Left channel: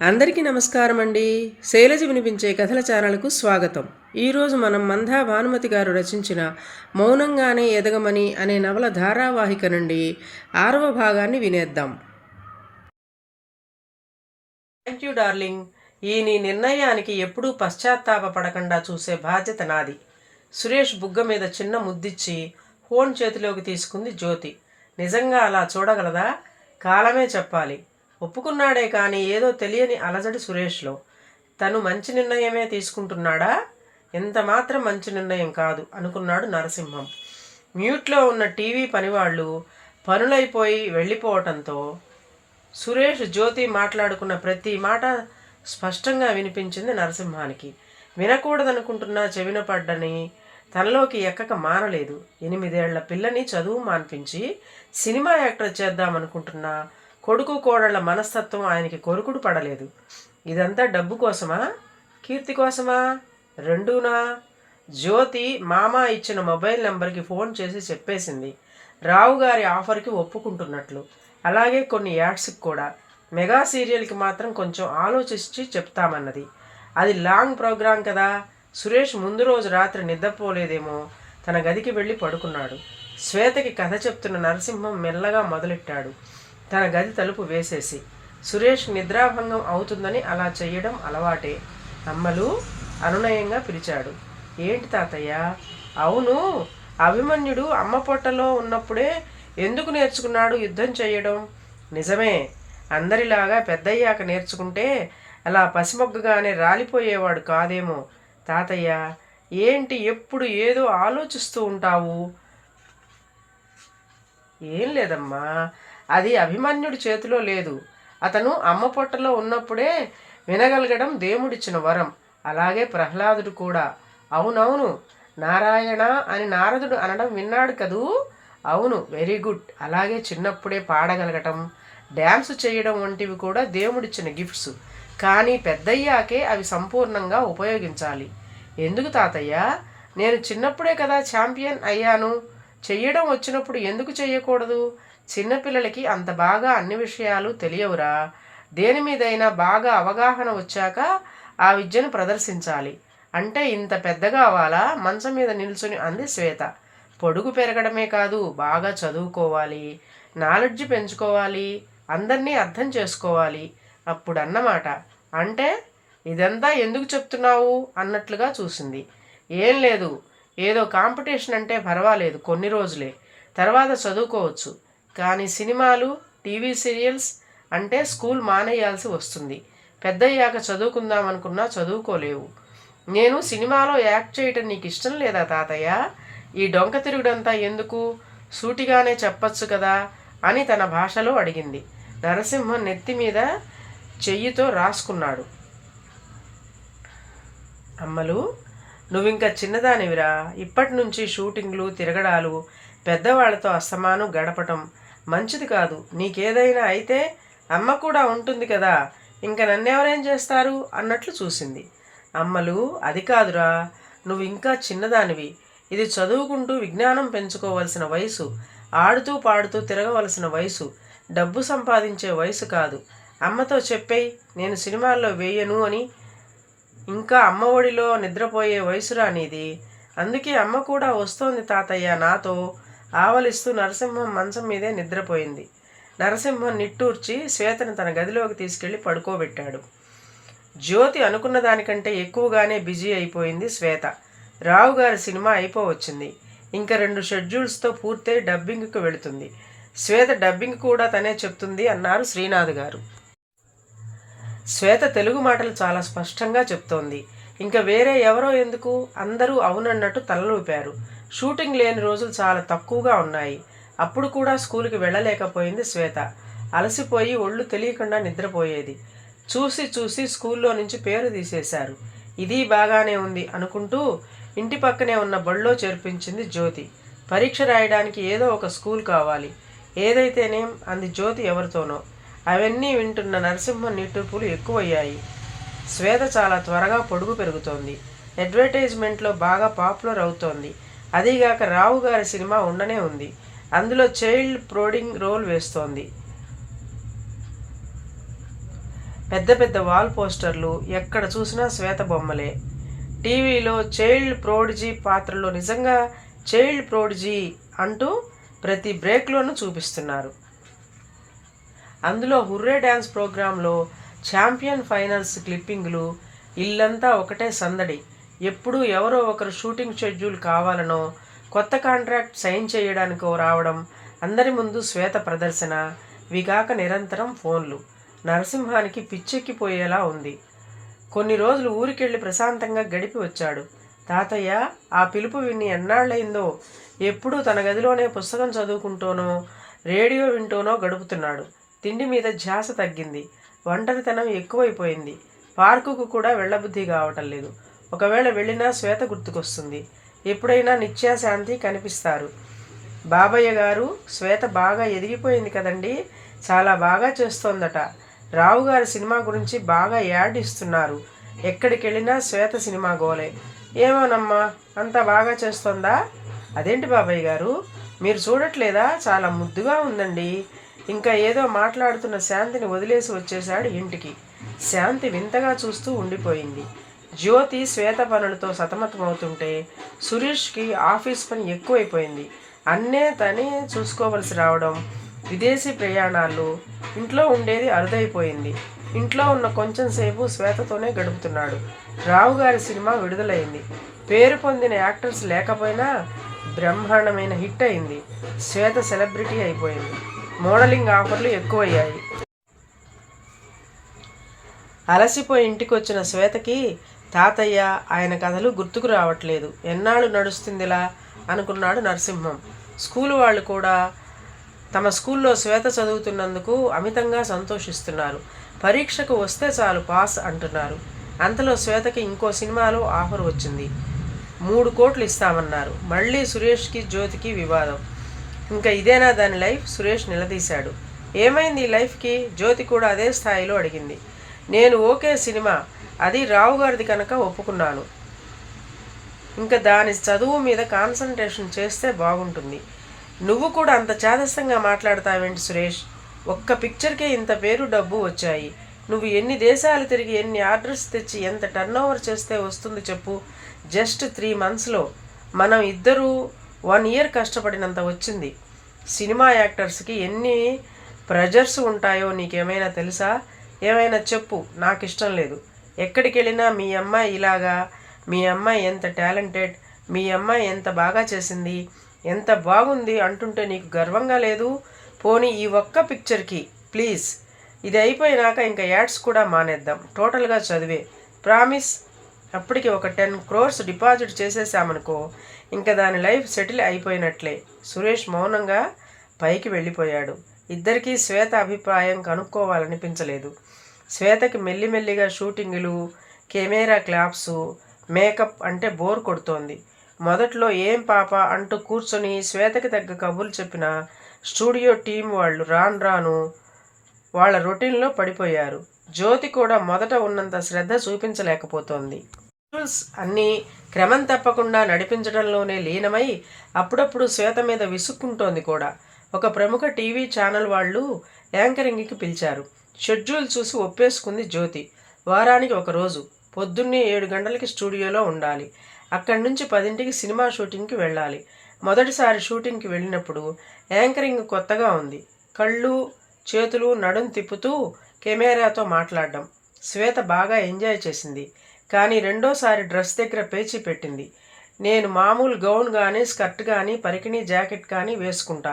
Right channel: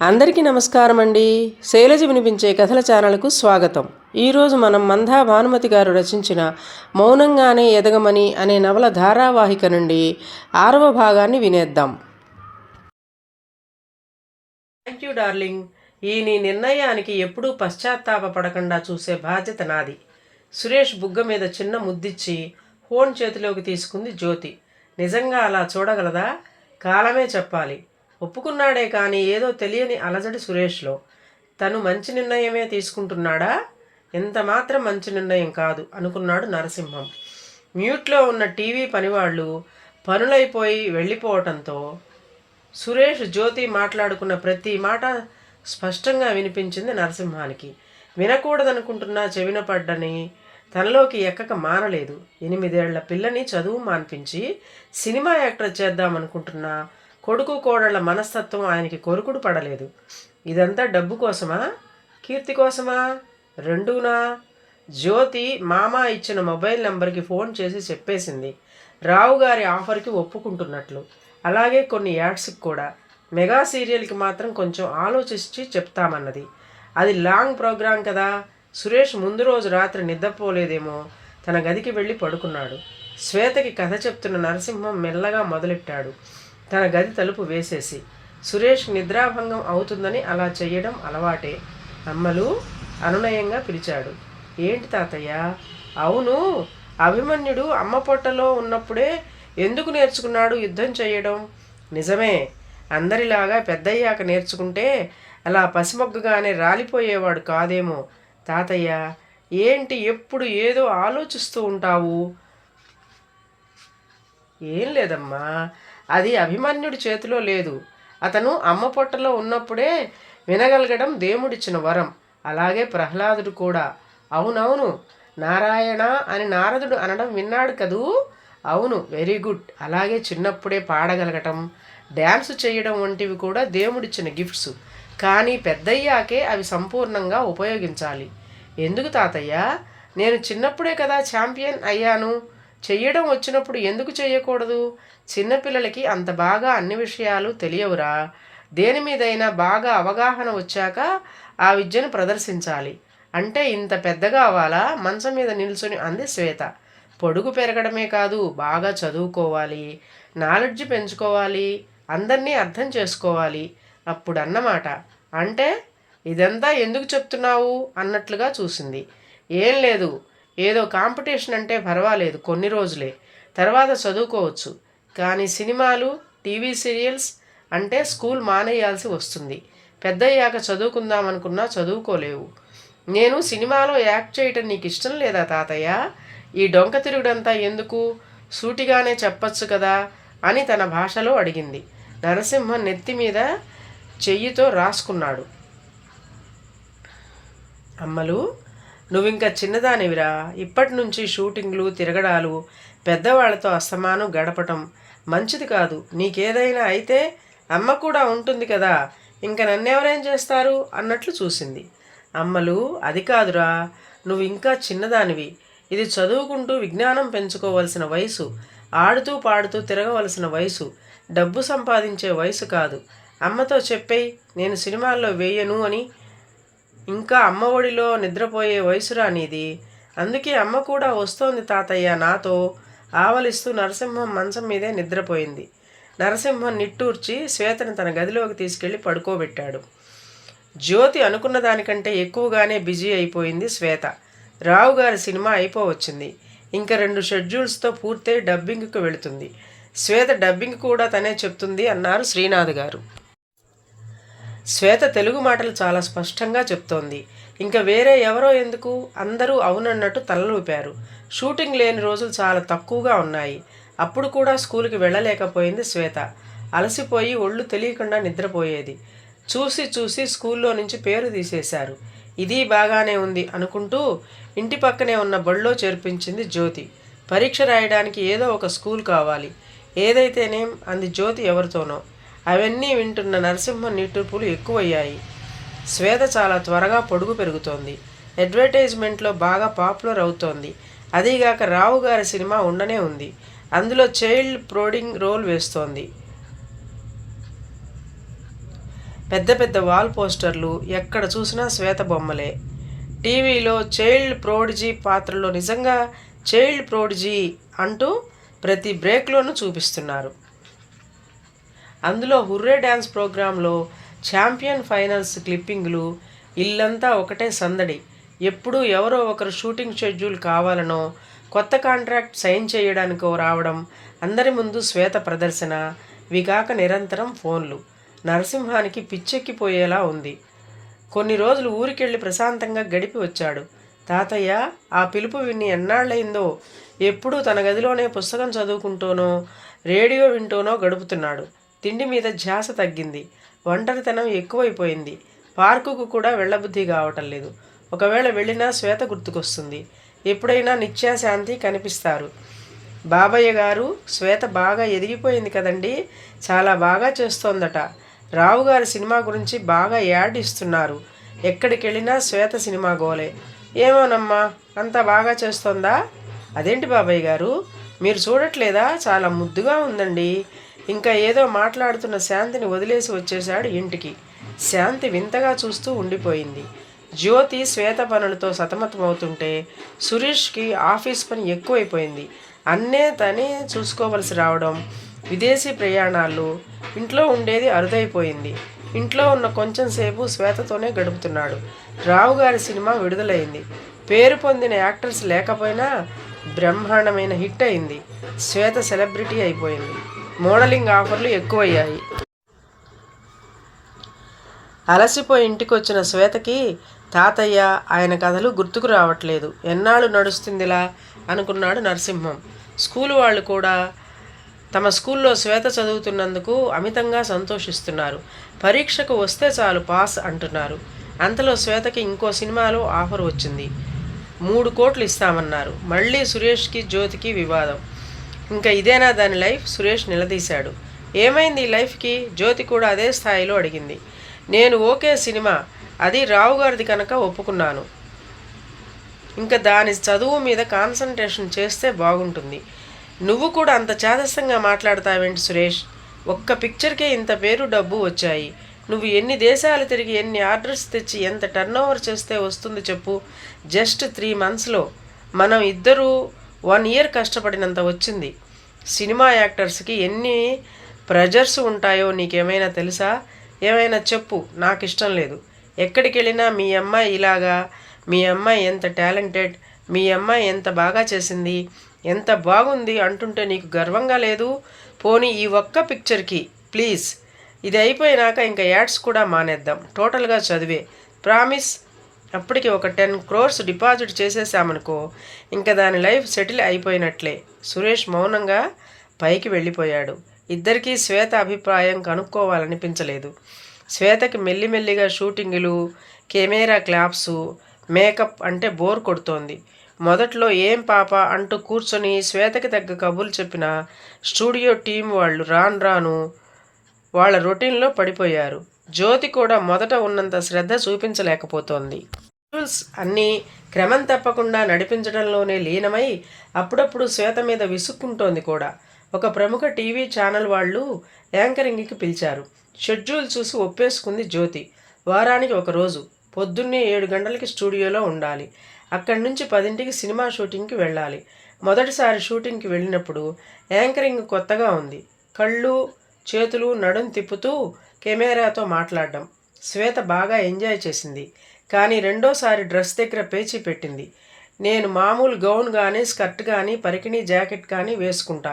అందరికీ నమస్కారం అండి శైలజ వినిపించే కథల ఛానల్కు స్వాగతం. ఈరోజు మనం మందా భానుమతి గారు రచించిన మౌనంగానే ఎదగమని అనే నవల ధారావాహిక నుండి ఆరవ భాగాన్ని వినేద్దాం. థ్యాంక్ యూ డార్లింగ్ ఈ నీ నిర్ణయానికి ఎప్పుడూ పశ్చాత్తాపపడకుండా చూసే బాధ్యత నాది. సురేష్ బుగ్గ మీద చిన్న ముద్దిచ్చి ఫోన్ చేతిలోకి తీసుకుంది జ్యోతి. నిజంగా అలా చూడగలదా? కాలమే చెప్పాలి. ఒప్పుకున్నాడే కానీ ఏదో తెలియని అలజడి సురేష్లో. తను మంచి నిర్ణయమే తీసుకుంటున్నాడా? ఎంత మాత్రం మంచి నిర్ణయం కాదు అనుకున్నాడు నరసింహం. మ్యూట్లో ఉన్న టీవీ పనివాళ్ళు పనులైపోయి వెళ్ళిపోవటంతో సురేష్ జ్యోతి మాట్లాడుకున్న ప్రతి మాట స్పష్టంగా వినిపించింది నరసింహానికి. వినకూడదనుకుంటున్నా చెవిన పడ్డని తనలోకి ఎక్కక మానలేదు ఎనిమిదేళ్ళ పిల్లని చదువు మాన్పించి సినిమా యాక్టర్ చేద్దామనుకుంటున్నా కొడుకు కోడళ్ళ మనస్తత్వం ఆయనకి కొరుకుడు పడలేదు. ఇదంతా డబ్బు కోసమా? కీర్తి కోసమా? రెండూనా? జ్యోతి మామ ఇచ్చిన మొబైల్ నెంబర్కి ఫోన్ చేసి చెప్పేసింది. రావు గారి ఆఫర్కి ఒప్పుకుంటున్నట్లు. అలాగే కొన్ని యాడ్స్కి కూడా. మెగా సీరియల్కి మాత్రం కొంచెం ఆలోచించి చెప్తామన్నది. అది లాంగ్ ప్రోగ్రాం కదా. సురేష్ ముందు రోజు రాత్రి నిద్రపోలేదేమో. తన గదికి వెళ్ళి పడుకున్నాడు. శ్వేతకి కథ చెప్తున్న నరసింహం మెల్లగా మొదలెట్టాడు. తన గది తలుపు వేసేసి సురేష్ నిద్రాభంగం అవుతుందని అలా చేయడం అలవాటే. అమ్మలు అనునయంగా పిలిచాడు. ఏంటి తాతయ్య? అవును అభిమన్యుడు అమ్మ పొట్టలో ఉన్నప్పుడే ఎందుకు నేర్చుకున్నాడు యుద్ధం చేయడం నిజమే అందరిలాగా పెద్దయ్యాక నేర్చుకుంటే అలా పసిమొగ్గగానే రాలిపోయేవాడు కాదేమో. తాతయ్య ఏంటి ఎప్పుడు ఏదో ఆలోచిస్తూ ఉంటావు? ఏం లేదమ్మా అది అభిమన్యుడి చేతిలో లేదు. అతను అమ్మ పొట్టలో ఉన్నప్పుడే వినగలగడం దేవుడిచ్చిన వరం. అలాగే ప్రహ్లాదుడు కూడా. అవునవును నారాయణ అని నారదుడు అనడం విన్నాడు కదూ? అవును వెరీ గుడ్. అలాగే చిన్నప్పుడే పాడగలగటం డ్యాన్స్ చేయడం వంటివి కూడా దేవుడిచ్చిన గిఫ్ట్స్. కానీ పెద్దయ్యాకే అవి సంపూర్ణంగా ఉపయోగించాలి. ఎందుకు తాతయ్య? నేను చిన్నప్పుడే కదా ఛాంపియన్ అయ్యాను. చెయ్యడం వచ్చినప్పుడు ఎందుకు చేయకూడదు చిన్నపిల్లలకి అంత బాగా అన్ని విషయాలు తెలియవురా. దేని మీదైనా బాగా అవగాహన వచ్చాక ఆ విద్యను ప్రదర్శించాలి. అంటే ఇంత పెద్దగా అవ్వాలా? మంచం మీద నిల్చుని అంది శ్వేత. పొడుగు పెరగడమే కాదు బాగా చదువుకోవాలి. నాలెడ్జ్ పెంచుకోవాలి. అందరినీ అర్థం చేసుకోవాలి. అప్పుడు అన్నమాట అంటే ఇదంతా ఎందుకు చెప్తున్నావు? అన్నట్లుగా చూసింది. ఏం లేదు. ఏదో కాంపిటీషన్ అంటే పర్వాలేదు. కొన్ని రోజులే. తర్వాత చదువుకోవచ్చు. కానీ సినిమాలు టీవీ సీరియల్స్ అంటే స్కూల్ మానేయాల్సి వస్తుంది. పెద్దయ్యాక చదువుకుందాం అనుకున్నా చదువుకోలేవు. నేను సినిమాలో యాక్ట్ చేయటం నీకు ఇష్టం లేదా తాతయ్య? ఈ డొంక తిరుగుడంతా ఎందుకు? సూటిగానే చెప్పచ్చు కదా అని తన భాషలో అడిగింది. నరసింహం నెత్తి మీద చెయ్యితో రాసుకున్నాడు. అమ్మలు నువ్వింకా చిన్నదానివిరా. ఇప్పటి నుంచి షూటింగ్లు తిరగడాలు పెద్దవాళ్ళతో అస్తమానం గడపటం మంచిది కాదు. నీకేదైనా అయితే అమ్మ కూడా ఉంటుంది కదా. ఇంక నన్నెవరేం చేస్తారు? అన్నట్లు చూసింది. అమ్మలు అది కాదురా నువ్వు ఇంకా చిన్నదానివి. ఇది చదువుకుంటూ విజ్ఞానం పెంచుకోవలసిన వయసు. ఆడుతూ పాడుతూ తిరగవలసిన వయసు. డబ్బు సంపాదించే వయసు కాదు. అమ్మతో చెప్పేయి నేను సినిమాల్లో వేయను అని ఇంకా అమ్మ ఒడిలో నిద్రపోయే వయసురా నీది. అందుకే అమ్మ కూడా వస్తోంది తాతయ్య నాతో ఆవలిస్తూ నరసింహం మంచం మీదే నిద్రపోయింది. నరసింహం నిట్టూర్చి శ్వేతను తన గదిలోకి తీసుకెళ్ళి పడుకోబెట్టాడు. జ్యోతి అనుకున్న దానికంటే ఎక్కువగానే బిజీ అయిపోయింది శ్వేత. రావు గారి సినిమా అయిపోవచ్చింది. ఇంకా రెండు షెడ్యూల్స్తో పూర్తయి డబ్బింగ్కు వెళుతుంది. శ్వేత డబ్బింగ్ కూడా తనే చెప్తుంది అన్నారు శ్రీనాథ్ గారు. శ్వేత తెలుగు మాటలు చాలా స్పష్టంగా చెప్తోంది. ఇంకా వేరే ఎవరో ఎందుకు? అందరూ అవునన్నట్టు తలలూపారు. షూటింగ్ లేని రోజులు చాలా తక్కువగా ఉన్నాయి. అప్పుడు కూడా స్కూల్కి వెళ్ళలేకపోయింది శ్వేత. అలసిపోయి ఒళ్ళు తెలియకుండా నిద్రపోయేది. చూసి చూసి స్కూల్లో నుంచి పేరు తీసేశారు. ఇది బాగానే ఉంది అనుకుంటూ ఇంటి పక్కనే ఉన్న బడిలో చేర్పించింది జ్యోతి. పరీక్ష రాయడానికి ఏదో ఒక స్కూల్ కావాలి. ఏదైతేనేం అంది జ్యోతి ఎవరితోనో. అవన్నీ వింటున్న నరసింహ నిట్టుపులు ఎక్కువయ్యాయి. శ్వేత చాలా త్వరగా పొడుగు పెరుగుతోంది. అడ్వర్టైజ్మెంట్లో బాగా పాపులర్ అవుతోంది. అదీగాక రావు గారి సినిమా ఉండనే ఉంది. అందులో చైల్డ్ ప్రోడింగ్ రోల్ వేస్తోంది. పెద్ద పెద్ద వాల్ పోస్టర్లు ఎక్కడ చూసినా శ్వేత బొమ్మలే. టీవీలో చైల్డ్ ప్రోడిజీ పాత్రలో నిజంగా చైల్డ్ ప్రోడిజీ అంటూ ప్రతి బ్రేక్లోనూ చూపిస్తున్నారు. అందులో హుర్రే డ్యాన్స్ ప్రోగ్రాంలో ఛాంపియన్ ఫైనల్స్ క్లిప్పింగ్లు ఇల్లంతా ఒకటే సందడి. ఎప్పుడూ ఎవరో ఒకరు షూటింగ్ షెడ్యూల్ కావాలనో కొత్త కాంట్రాక్ట్ సైన్ చేయడానికో రావడం అందరి ముందు శ్వేత ప్రదర్శన విగాక నిరంతరం ఫోన్లు. నరసింహానికి పిచ్చెక్కిపోయేలా ఉంది. కొన్ని రోజులు ఊరికెళ్ళి ప్రశాంతంగా గడిపి వచ్చాడు. తాతయ్య ఆ పిలుపు విన్ని ఎన్నాళ్ళయిందో ఎప్పుడూ తన గదిలోనే పుస్తకం చదువుకుంటూనో రేడియో వింటూనో గడుపుతున్నాడు. తిండి మీద ధ్యాస తగ్గింది. ఒంటరితనం ఎక్కువైపోయింది. పార్కుకు కూడా వెళ్ళబుద్ధి కావటం లేదు. ఒకవేళ వెళ్ళినా శ్వేత గుర్తుకొస్తుంది. ఎప్పుడైనా నిత్యాశాంతి కనిపిస్తారు. బాబయ్య గారు శ్వేత బాగా ఎదిగిపోయింది కదండి చాలా బాగా చేస్తోందట. రావు గారి సినిమా గురించి బాగా యాడ్ ఇస్తున్నారు. ఎక్కడికి వెళ్ళినా శ్వేత సినిమా గోలే. ఏమోనమ్మా అంత బాగా చేస్తోందా? అదేంటి బాబాయ్ గారు? మీరు చూడట్లేదా? చాలా ముద్దుగా ఉందండి. ఇంకా ఏదో మాట్లాడుతున్న శాంతిని వదిలేసి వచ్చేశాడు ఇంటికి. శాంతి వింతగా చూస్తూ ఉండిపోయింది. జ్యోతి శ్వేత పనులతో సతమతమవుతుంటే సురేష్కి ఆఫీస్ పని ఎక్కువైపోయింది. అన్నే తనే చూసుకోవలసి రావడం విదేశీ ప్రయాణాలు ఇంట్లో ఉండేది అరుదైపోయింది. ఇంట్లో ఉన్న కొంచెం సేపు శ్వేతతోనే గడుపుతున్నాడు. రావు గారి సినిమా విడుదలైంది. పేరు పొందిన యాక్టర్స్ లేకపోయినా బ్రహ్మాండమైన హిట్ అయింది. శ్వేత సెలబ్రిటీ అయిపోయింది. మోడలింగ్ ఆఫర్లు ఎక్కువయ్యాయి. అలసిపోయి ఇంటికి వచ్చిన శ్వేతకి తాతయ్య ఆయన కథలు గుర్తుకు రావట్లేదు. ఎన్నాళ్ళు నడుస్తుందిలా? అనుకున్నాడు నరసింహం. స్కూలు వాళ్ళు కూడా తమ స్కూల్లో శ్వేత చదువుతున్నందుకు అమితంగా సంతోషిస్తున్నారు. పరీక్షకు వస్తే చాలు పాస్ అంటున్నారు. అంతలో శ్వేతకి ఇంకో సినిమాలో ఆఫర్ వచ్చింది. మూడు కోట్లు ఇస్తామన్నారు. మళ్ళీ సురేష్కి జ్యోతికి వివాదం. ఇంకా ఇదేనా దాని లైఫ్? సురేష్ నిలదీశాడు. ఏమైంది ఈ లైఫ్కి? జ్యోతి కూడా అదే స్థాయిలో అడిగింది. నేను ఓకే సినిమా. అది రావు గారిది కనుక ఒప్పుకున్నాను. ఇంకా దాని చదువు మీద కాన్సన్ట్రేషన్ చేస్తే బాగుంటుంది. నువ్వు కూడా అంత చేదస్తంగా మాట్లాడతావేంటి సురేష్? ఒక్క పిక్చర్కే ఇంత పేరు డబ్బు వచ్చాయి. నువ్వు ఎన్ని దేశాలు తిరిగి ఎన్ని ఆర్డర్స్ తెచ్చి ఎంత టర్న్ ఓవర్ చేస్తే వస్తుంది చెప్పు. జస్ట్ త్రీ మంత్స్లో. మనం ఇద్దరూ వన్ ఇయర్ కష్టపడినంత వచ్చింది. సినిమా యాక్టర్స్కి ఎన్ని ప్రెజర్స్ ఉంటాయో నీకేమైనా తెలుసా? ఏమైనా చెప్పు నాకు ఇష్టం లేదు. ఎక్కడికి వెళ్ళినా మీ అమ్మాయి ఇలాగా మీ అమ్మాయి ఎంత టాలెంటెడ్ మీ అమ్మాయి ఎంత బాగా చేసింది ఎంత బాగుంది అంటుంటే నీకు గర్వంగా లేదు? పోనీ ఈ ఒక్క పిక్చర్కి ప్లీజ్. ఇది అయిపోయినాక ఇంకా యాడ్స్ కూడా మానేద్దాం. టోటల్గా చదివే. ప్రామిస్ అప్పటికి ఒక టెన్ క్రోర్స్ డిపాజిట్ చేసేసామనుకో ఇంకా దాని లైఫ్ సెటిల్ అయిపోయినట్లే. సురేష్ మౌనంగా పైకి వెళ్ళిపోయాడు. ఇద్దరికీ శ్వేత అభిప్రాయం కనుక్కోవాలనిపించలేదు. శ్వేతకి మెల్లిమెల్లిగా షూటింగులు కెమెరా క్లాప్సు మేకప్ అంటే బోర్ కొడుతోంది. మొదట్లో ఏం పాప అంటూ కూర్చొని శ్వేతకి తగ్గ కబుర్లు చెప్పిన స్టూడియో టీం వాళ్ళు రాను రాను వాళ్ళ రొటీన్లో పడిపోయారు. జ్యోతి కూడా మొదట ఉన్నంత శ్రద్ధ చూపించలేకపోతోంది. రూల్స్ అన్నీ క్రమం తప్పకుండా నడిపించడంలోనే లీనమై అప్పుడప్పుడు శ్వేత మీద విసుక్కుంటోంది కూడా. ఒక ప్రముఖ టీవీ ఛానల్ వాళ్ళు యాంకరింగ్కి పిలిచారు. షెడ్యూల్ చూసి ఒప్పేసుకుంది జ్యోతి. వారానికి ఒక రోజు పొద్దున్నే ఏడు గంటలకి స్టూడియోలో ఉండాలి. అక్కడి నుంచి పదింటికి సినిమా షూటింగ్కి వెళ్ళాలి. మొదటిసారి షూటింగ్కి వెళ్ళినప్పుడు యాంకరింగ్ కొత్తగా ఉంది. కళ్ళు చేతులు నడుం తిప్పుతూ కెమెరాతో మాట్లాడడం. శ్వేత బాగా ఎంజాయ్ చేసింది. కానీ రెండోసారి డ్రెస్ దగ్గర పేచీ పెట్టింది. నేను మామూలు గౌన్ కానీ స్కర్ట్ కానీ పరికిణీ జాకెట్ కానీ వేసుకుంటా.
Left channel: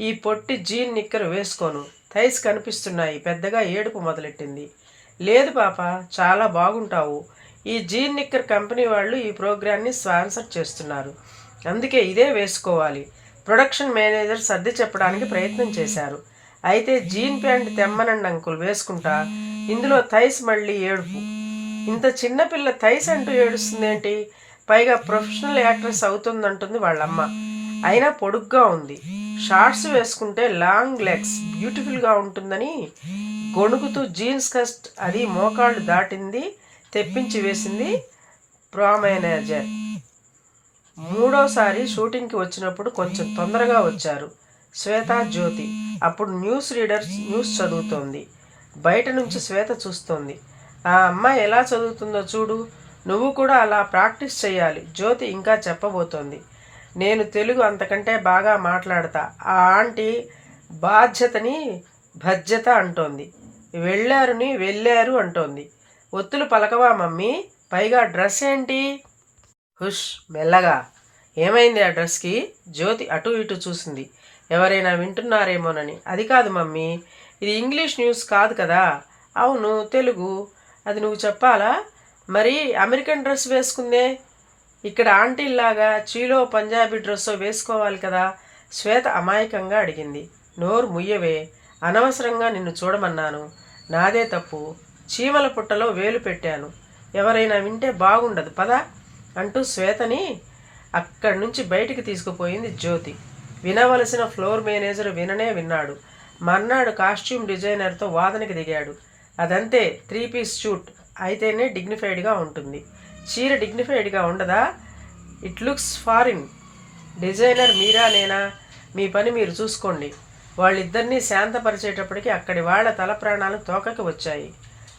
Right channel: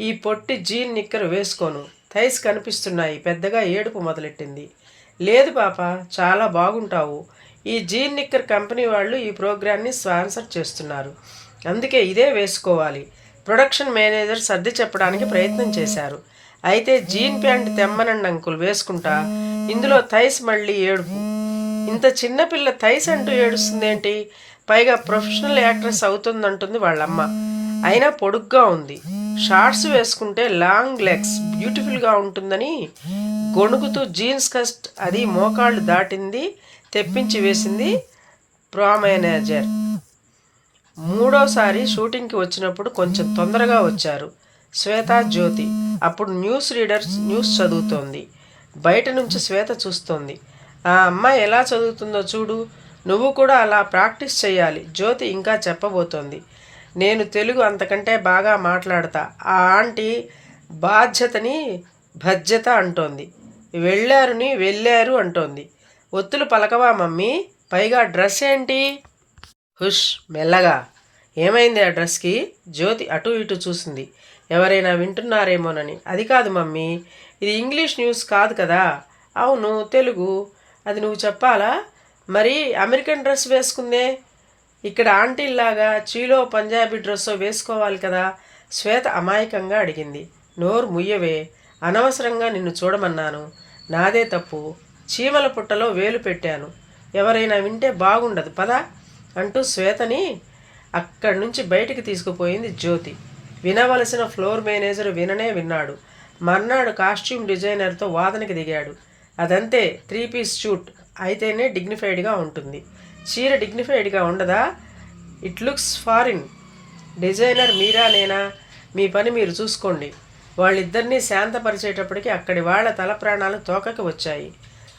ఈ పొట్టి జీన్ నిక్కర్ వేసుకోను. థైస్ కనిపిస్తున్నాయి. పెద్దగా ఏడుపు మొదలెట్టింది. లేదు పాప చాలా బాగుంటావు. ఈ జీన్ నిక్కర్ కంపెనీ వాళ్ళు ఈ ప్రోగ్రాన్ని స్పాన్సర్ చేస్తున్నారు. అందుకే ఇదే వేసుకోవాలి. ప్రొడక్షన్ మేనేజర్ సర్ది చెప్పడానికి ప్రయత్నం చేశారు. అయితే జీన్ ప్యాంట్ తెమ్మనండి అంకుల్ వేసుకుంటా? ఇందులో థైస్ మళ్ళీ ఏడుపు. ఇంత చిన్నపిల్ల థైస్ అంటూ ఏడుస్తుందేంటి? పైగా ప్రొఫెషనల్ యాక్ట్రెస్ అవుతుందంటుంది వాళ్ళమ్మ. అయినా పొడుగ్గా ఉంది. షార్ట్స్ వేసుకుంటే లాంగ్ లెగ్స్ బ్యూటిఫుల్గా ఉంటుందని గొణుకుతూ జీన్స్ కస్ట్ అది మోకాళ్ళు దాటింది తెప్పించి వేసింది ప్రో మేనేజర్ మూడోసారి షూటింగ్కి వచ్చినప్పుడు కొంచెం తొందరగా వచ్చారు శ్వేత జ్యోతి. అప్పుడు న్యూస్ రీడర్స్ న్యూస్ చదువుతోంది. బయట నుంచి శ్వేత చూస్తోంది. ఆ అమ్మాయి ఎలా చదువుతుందో చూడు నువ్వు కూడా అలా ప్రాక్టీస్ చేయాలి జ్యోతి ఇంకా చెప్పబోతోంది. నేను తెలుగు అంతకంటే బాగా మాట్లాడతా. ఆ ఆంటీ బాధ్యతని భజ్యత అంటోంది. వెళ్ళారుని వెళ్ళారు అంటోంది. ఒత్తులు పలకవా మమ్మీ? పైగా డ్రెస్ ఏంటి? హుష్ మెల్లగా. ఏమైంది ఆ డ్రెస్కి? జ్యోతి అటు ఇటు చూసింది. ఎవరైనా వింటున్నారేమోనని. అది కాదు మమ్మీ ఇది ఇంగ్లీష్ న్యూస్ కాదు కదా. అవును తెలుగు. అది నువ్వు చెప్పాలా? మరి అమెరికన్ డ్రెస్ వేసుకుందే? ఇక్కడ ఆంటీల్లాగా చీలో పంజాబీ డ్రెస్సో వేసుకోవాలి కదా? శ్వేత అమాయకంగా అడిగింది. నోరు ముయ్యవే. అనవసరంగా నిన్ను చూడమన్నాను. నాదే తప్పు. చీమల పుట్టలో వేలు పెట్టాను. ఎవరైనా వింటే బాగుండదు పదా? అంటూ శ్వేతని అక్కడి నుంచి బయటికి తీసుకుపోయింది జ్యోతి. వినవలసిన ఫ్లోర్ మేనేజర్ విననే విన్నాడు. మర్నాడు కాస్ట్యూమ్ డిజైనర్తో వాదనకి దిగాడు. అదంతే త్రీ పీస్ షూట్ అయితేనే డిగ్నిఫైడ్గా ఉంటుంది. చీర డిగ్నిఫైడ్గా ఉండదా? ఇట్ లుక్స్ ఫారిన్ డిజైనర్ మీరా నేనా? మీ పని మీరు చూసుకోండి. వాళ్ళిద్దరినీ శాంతపరిచేటప్పటికి అక్కడి వాళ్ళ తల ప్రాణాలు తోకకి వచ్చాయి.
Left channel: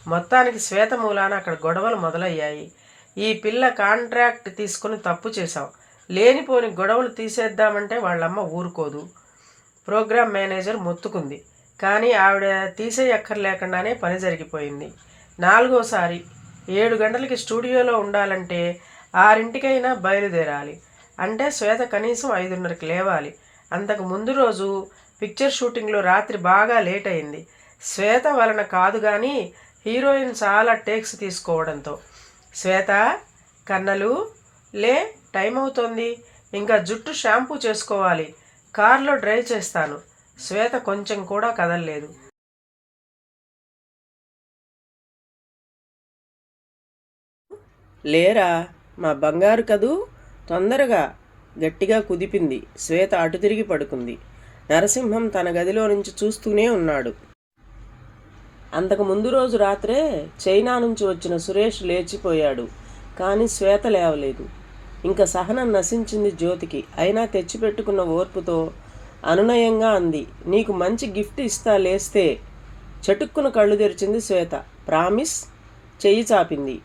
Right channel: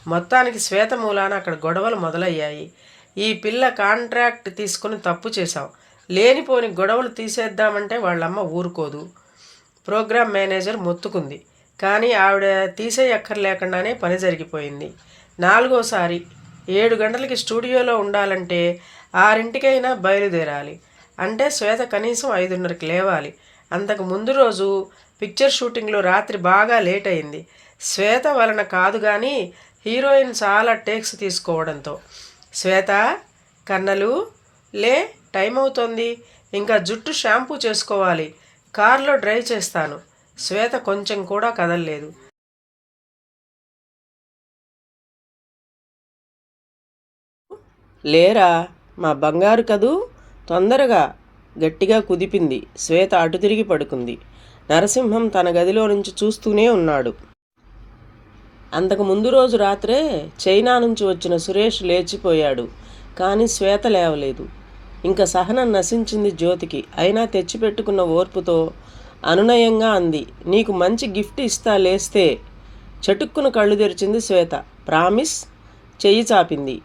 మొత్తానికి శ్వేత మూలాన అక్కడ గొడవలు మొదలయ్యాయి. ఈ పిల్ల కాంట్రాక్ట్ తీసుకుని తప్పు చేశాం లేనిపోని గొడవలు తీసేద్దామంటే వాళ్ళమ్మ ఊరుకోదు. ప్రోగ్రామ్ మేనేజర్ మొత్తుకుంది. కానీ ఆవిడ తీసేయక్కర్లేకుండానే పని జరిగిపోయింది. నాలుగోసారి ఏడు గంటలకి స్టూడియోలో ఉండాలంటే ఆరింటికైనా బయలుదేరాలి. అంటే శ్వేత కనీసం ఐదున్నరకి లేవాలి. అంతకు ముందు రోజు పిక్చర్ షూటింగ్లో రాత్రి బాగా లేట్ అయింది. శ్వేత వలన కాదు కానీ హీరోయిన్ చాలా టేక్స్ తీసుకోవడంతో. శ్వేత కన్నలు లే టైం అవుతోంది. ఇంకా జుట్టు షాంపూ చేసుకోవాలి. కార్లో డ్రైవ్ చేస్తాను. శ్వేత కొంచెం కూడా కదలలేదు. లేరా? మా బంగారు కదూ? తొందరగా గట్టిగా కుదిపింది. శ్వేత అటు తిరిగి పడుకుంది. నరసింహం తన గదిలో నుంచి చూస్తూనే ఉన్నాడు. అంతకు ముందు రోజు రాత్రే చైనా నుంచి వచ్చిన సురేష్ లేచిపోయాడు. కానీ శ్వేత లేవలేదు. ఇంకా సహనం నశించింది జ్యోతికి. అయినా తెచ్చిపెట్టుకున్న ఓర్పుతో అనునయంగా అంది. నీకు మంచి గిఫ్ట్ ఇస్తా లేస్తే చటుక్కున కళ్ళు తెరిచింది శ్వేత. ప్రామిస్? చెయ్యి చాపింది.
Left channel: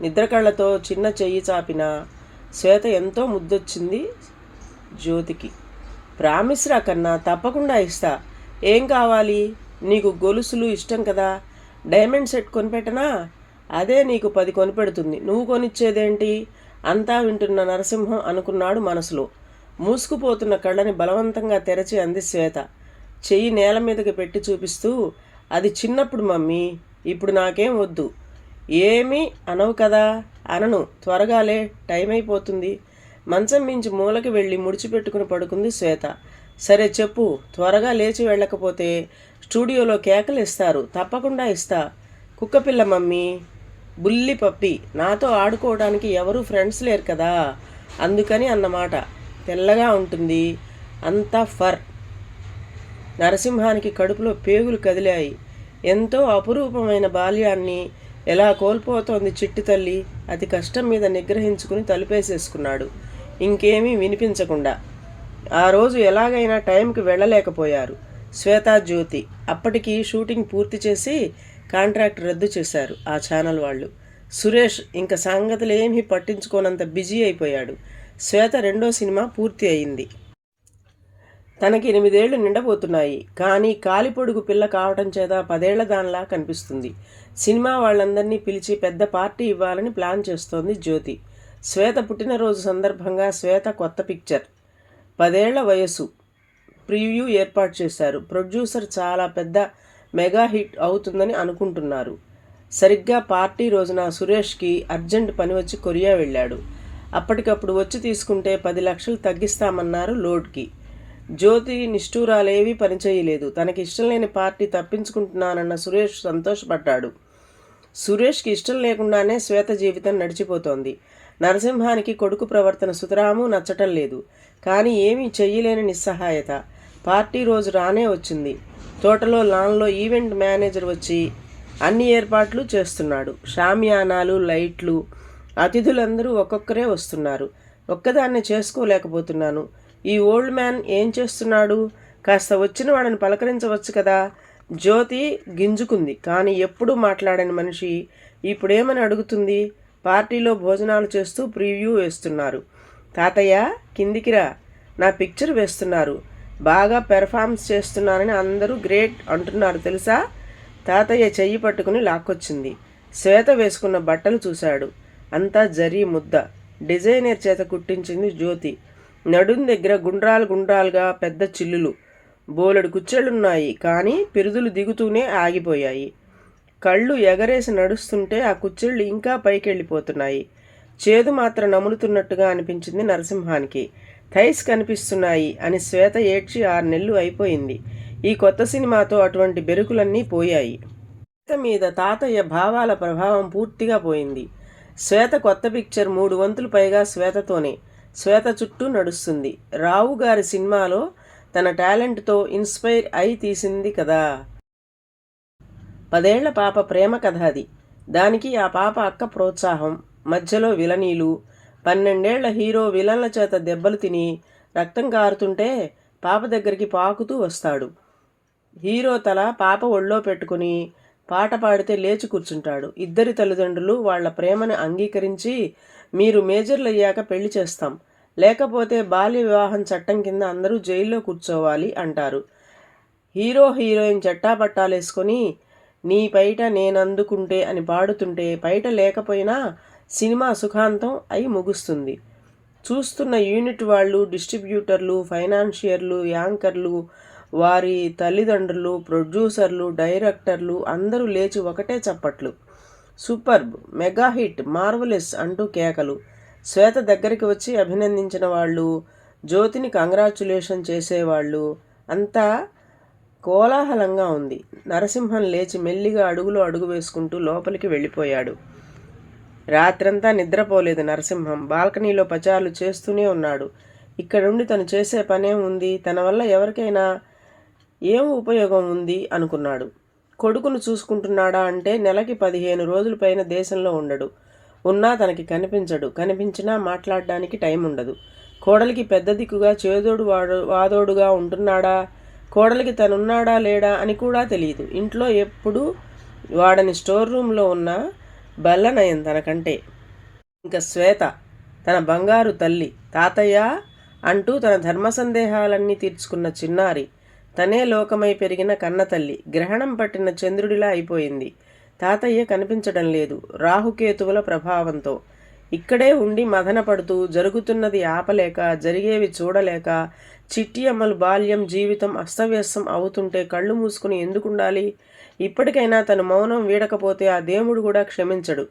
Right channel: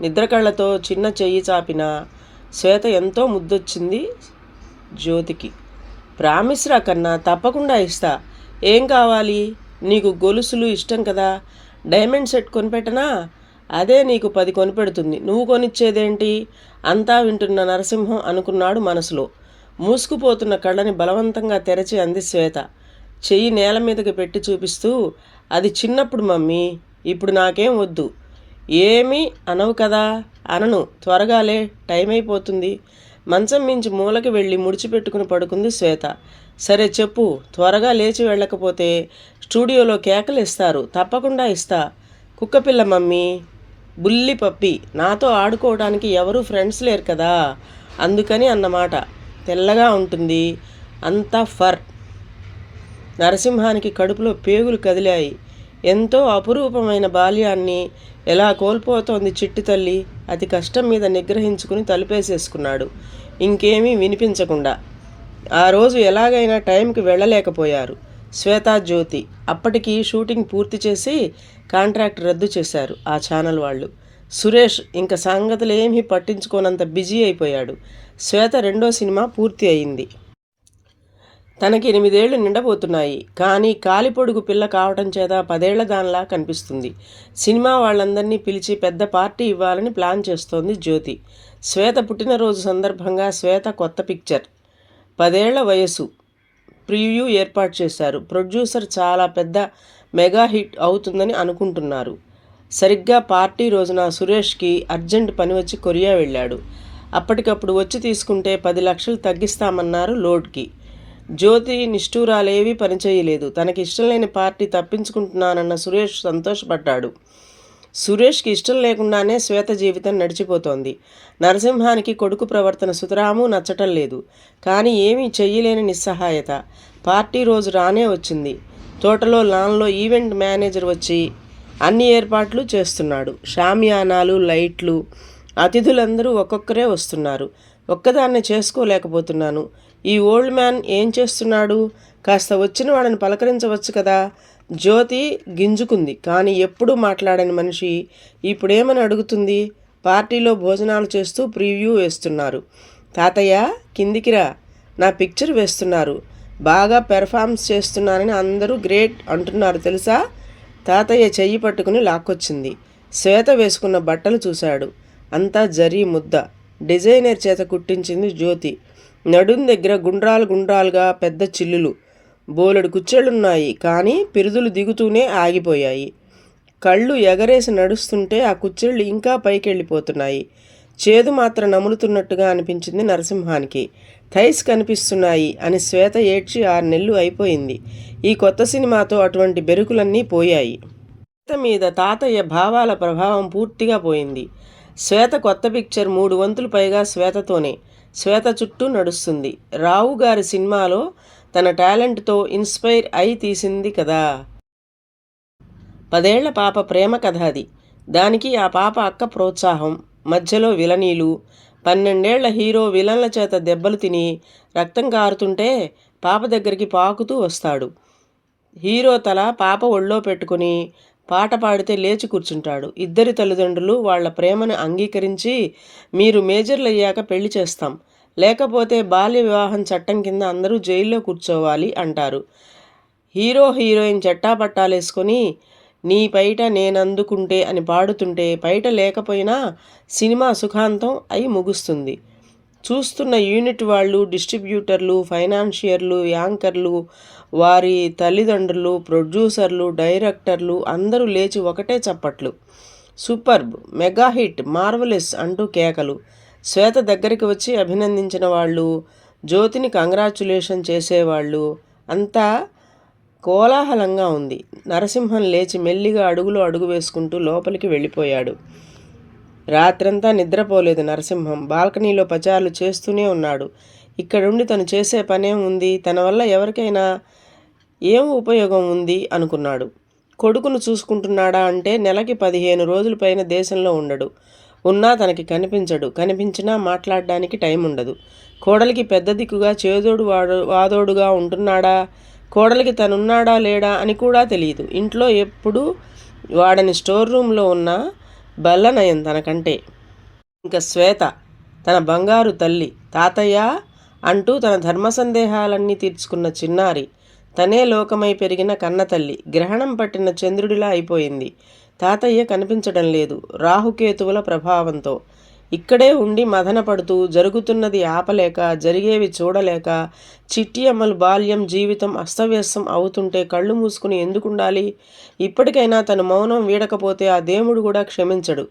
నిద్ర కళ్ళతో చిన్న చెయ్యి చాపిన శ్వేత ఎంతో ముద్దొచ్చింది జ్యోతికి. ప్రామిస్ రా కన్నా తప్పకుండా ఇస్తా. ఏం కావాలి? నీకు గొలుసులు ఇష్టం కదా. డైమండ్ సెట్ కొనిపెట్టనా? అదే నీకు పది కొనిపెడుతుంది. నువ్వు కొనిచ్చేదేంటి? అంతా వింటున్న నరసింహం అనుకున్నాడు మనసులో. మూసుకుపోతున్న కళ్ళని బలవంతంగా తెరచి అంది శ్వేత. చెయ్యి నేల మీదకి పెట్టి చూపిస్తూ అది చిన్నప్పుడు మమ్మీ ఇప్పుడు నాకేం వద్దు. ఏమీ అనవు కదా? అనను. త్వరగాలే టైం అయిపోతుంది మంచం మించి మూలకి వెళ్ళి ముడిచిపెట్టుకుని పడుకుంది శ్వేత. సరే చెప్పు త్వరగా లేచి వెళ్ళకపోతే స్టూడియోలో కేకలు ఇస్తారు. తప్పకుండా ఇస్తా. కుక్కపిల్ల మమ్మీ బుల్లి పప్పి నాతో ఆడుకోవడానికి ఎవరు ఫ్రెండ్స్ లేరు కదా? అందుకని అన్నమాట. తెల్లగా ఉంటుంది. అంతా ఫర్. నరసింహానికి కడుపులో పేగులు కదిలాయి. ఎంతో అపురూపమైన బాల్యాన్ని ఎలా కోల్పోతోంది చిట్టి తల్లి? అతి కష్టం మీద నిగ్రహించుకుని తలుపేసేసుకున్నాడు. ఇంకేమీ వినిపించకుండా. ఆ రోజు ఎలాగైనా టైంకి వెళ్ళలేకపోయారు. శ్వేతా జ్యోతి అప్పటికి షూటింగ్ పూర్తి చేసి కాంట్రాక్ట్ రద్దు చేశారు ఆ ఛానల్ వాళ్ళు. సురేష్ ఇంకా సంగతులు ఏమీ పట్టించుకోనంత బిజీ అయిపోయాడు. శ్వేత రెండో సినిమా పూర్తి అయింది. తనకి ఎనిమిదేళ్ళు నిండబోతున్నాయి. కానీ కాలిపొడుగు పిల్ల కావటం చేత పదేళ్ళ దానిలా కనిపిస్తుంది. సినిమా వాళ్ళందరినీ పిలిచి పెద్ద పార్టీ ఇవ్వాలని ప్లాన్ చేస్తోంది జ్యోతి. శ్వేత పుట్టినరోజు సందర్భంగా శ్వేత కొత్త పిక్చర్. పదేళ్ళ వయసు ప్రివ్యూ ఏర్పాటు చేశారు. ప్రొడ్యూసర్ చాలా పెద్ద మెగా హిట్ అవుతుందని అనుకుంటున్నారు. సరిగ్గా పార్టీ రోజున సురేష్కి అర్జెంట్ పని వచ్చి కొరియా వెళ్ళాడు. అప్పటికప్పుడు వచ్చి తీసుకుంటే పది లక్షలు తగ్గిస్తామన్నారు లోడ్కి. జ్యోతి నిష్ఠూరాలేవీ పనిచేయలేదు. తనకి ఇష్టం లేని పార్టీ తప్పించుకుంటున్నానన్న సురేష్ సంతోషపడ్డాడు. సురేష్కి ఇష్టం లేకుండానే శ్వేత జీవితం నడిచిపోతోంది. నరసింహానికి కొడుకు ప్రవర్తన సుతరాము నచ్చటం లేదు. కానీ ఏమీ చెయ్యలేని నిస్సహాయత. పార్టీ రోజు రానే వచ్చింది. తోటలో లాన్లో ఈవెంట్ మేనేజర్ వచ్చి అన్ని ఏర్పాట్లు చేస్తున్నాడు. షామియానాలు లైట్లు అతిథులందరూ ఒక్కొక్కరే వస్తున్నారు. ఒక్కదాన్ని చేసుకోలేకపోతున్నాను. ఈ ఓల్డ్ మ్యాన్ ఏం చేస్తున్నాడు? కాస్త వచ్చిన వాళ్ళని పలకరించవచ్చు కదా? జ్యోతి గింజుకుంది. కానీ ఎప్పుడూ మాట్లాడని మనిషి ఇప్పుడేమని అడుగుతుంది? పార్టీలో భోజనాలు చేస్తూ ప్రివ్యూ వేస్తున్నారు. తాతయ్య కిందికిరా నా పిక్చర్ వేస్తున్నారు. బాగా పెర్ఫార్మ్స్ చేస్తున్నానని అందరూ గ్రేట్ అంటున్నారు తెలుసా? తాతయ్య చెయ్యి పట్టుకుని లాక్కొచ్చింది. శ్వేత వేసుకున్న బట్టలు చూశాడు. అంతా జరీ ముద్ద. డిజైనర్ చేత కుట్టించింది జ్యోతి. నడుం దగ్గర గుండ్రాలు గుండ్రాలుగా పెద్ద చిల్లులు. బోలెడు కుచ్చెళ్ళున్నాయి. కానీ పిరుదులు దిగుతూనే ఆగిపోయాయి. కళ్ళు ఎగరేసి నడుస్తుంటే ఆ కుచ్చెళ్ళు ఇంకా పైకెళ్ళిపోతున్నాయి. చేదు మాత్రం నములుతున్నట్టుగా అనిపించింది నరసింహానికి. థైస్ కనిపిస్తున్నాయి అని శ్వేత ఏడ్చి ఆరు నెలలు అయిపోయింది. ఈ కొత్త సినిమాతో అటువంటి బెరుకులన్నీ పోయాయి. శ్వేత మీద తాతయ్య భావాల ప్రభావం పూర్తిగా పోయింది. శ్వేత కొత్త పిక్చర్ మూడు వంతులు పైగా శ్వేతతోనే. శ్వేత చుట్టూ నడుస్తుంది. రావు గారి సినిమాలో తన టాలెంట్తో ఇన్స్పైర్ అయి తీసింది కదా. పదేళ్ళ పాప ప్రేమ కథ అది. దానికి ఆ పాప అక్క ప్రోత్సాహం. మధ్యలో విలనీలు. పన్నెండేళ్ళ హీరో విలన్ల చేత దెబ్బలు తిని రక్తం కారుతుంటే పాప దగ్గరికి పాకుతూ వస్తాడు. హీరో తల పాప ఒళ్ళో పెట్టుకుని పాట పాడితే లేచి కూర్చుంటాడు. ఇద్దరి తల్లిదండ్రులు వాళ్ళ ప్రేమను అంగీకరించి మీరు మేజర్లు అయ్యాక పెళ్ళి చేస్తాం. లేకపోతే బాల్య వివాహం చట్టం కింద అందరూ జైల్లో కూర్చోవాలి అంటారు. హీరో హీరోయిన్ చట్టాపట్టాలేసుకొని నీ పైట నేనందుకుంటే అని పాడుతుంటే పైట లేకపోయినా సినిమా సుఖాంతం అయి ముగుస్తుంది. చూస్తున్న యూనిట్ వాళ్ళు డిస్ట్రిబ్యూటర్లు ఫైనాన్షియర్లు యాంకర్లు వారి తల్లిదండ్రులు ప్రొడ్యూసర్లు డైరెక్టర్లు అందరూ లేచి ఒకటే చప్పట్లు. సూపర్బ్ మెగా హిట్ మార్వలెస్ అంటూ కేకలు. శ్వేత దగ్గరికి వచ్చి అభినందించిన వాళ్ళు జ్యోతిని కంగ్రాచులేషన్ చేసేవాళ్ళు. అంతా కోలాహలంగా ఉంది. నరసింహం లేచి మెల్లిగా అడుగులో అడుగు వేసుకుంటూ లోపలికి వెళ్ళిపోయాడు. రాత్రంతా నిద్రపోలేదు నరసింహం. బాల్కనీలో పచారులు చేస్తూనే ఉన్నాడు. ఇక్కడుండి తను చేసే పనేం ఉంది తన వల్ల ఎవరికైనా ఏం ఉపయోగం ఉంది? అనుకున్నాడు. కొడుకును చూసుకుంటున్నాడా అంటే నెలకి పదిహేను రోజుల పైన దేశంలో ఉండడు. ఉన్నా తనకి కనిపించడు. కనిపించినా మాట్లాడడానికి టైం ఉండదు కోడలికి పెద్ద దిక్కుగా చేదోడు వాడు వాదోడుగా ఉంటున్నాడా? కోడలికి తనున్నాడా లేడా అని కూడా తెలియదు. ఇంట్లో ఎప్పుడు వాడని స్టోర్ రూమ్లో ఉన్న బల్లనయం తనకంటే. ఇంకా శ్వేత తన బంగారు తల్లి తాతయ్య అంటూ తన ధర్మ సందేహాలన్నీ తీర్చుకున్న చిన్నారి తనే లోకమై పెరిగిన కన్నతల్లి. గ్రహణం పట్టిన చంద్రుడిలా అయిపోయింది. తాతయ్య కనిపించడం లేదు రాహుకేతువుల ప్రభావంతో. ఇక్కడే ఉండి మదన పడుతూ జరుగుతున్నది ఆపలేక జరిగేవి చూడలేక చిట్టి అమ్మలు బాల్యం జీవితం అస్తవ్యస్తం అవుతుంటే కళ్ళు మూసుకుని ఎందుకుండాలి? ఇప్పటికైనా తను మౌనం వీడకపోతే ఆ దేవుడు కూడా క్షమించడు.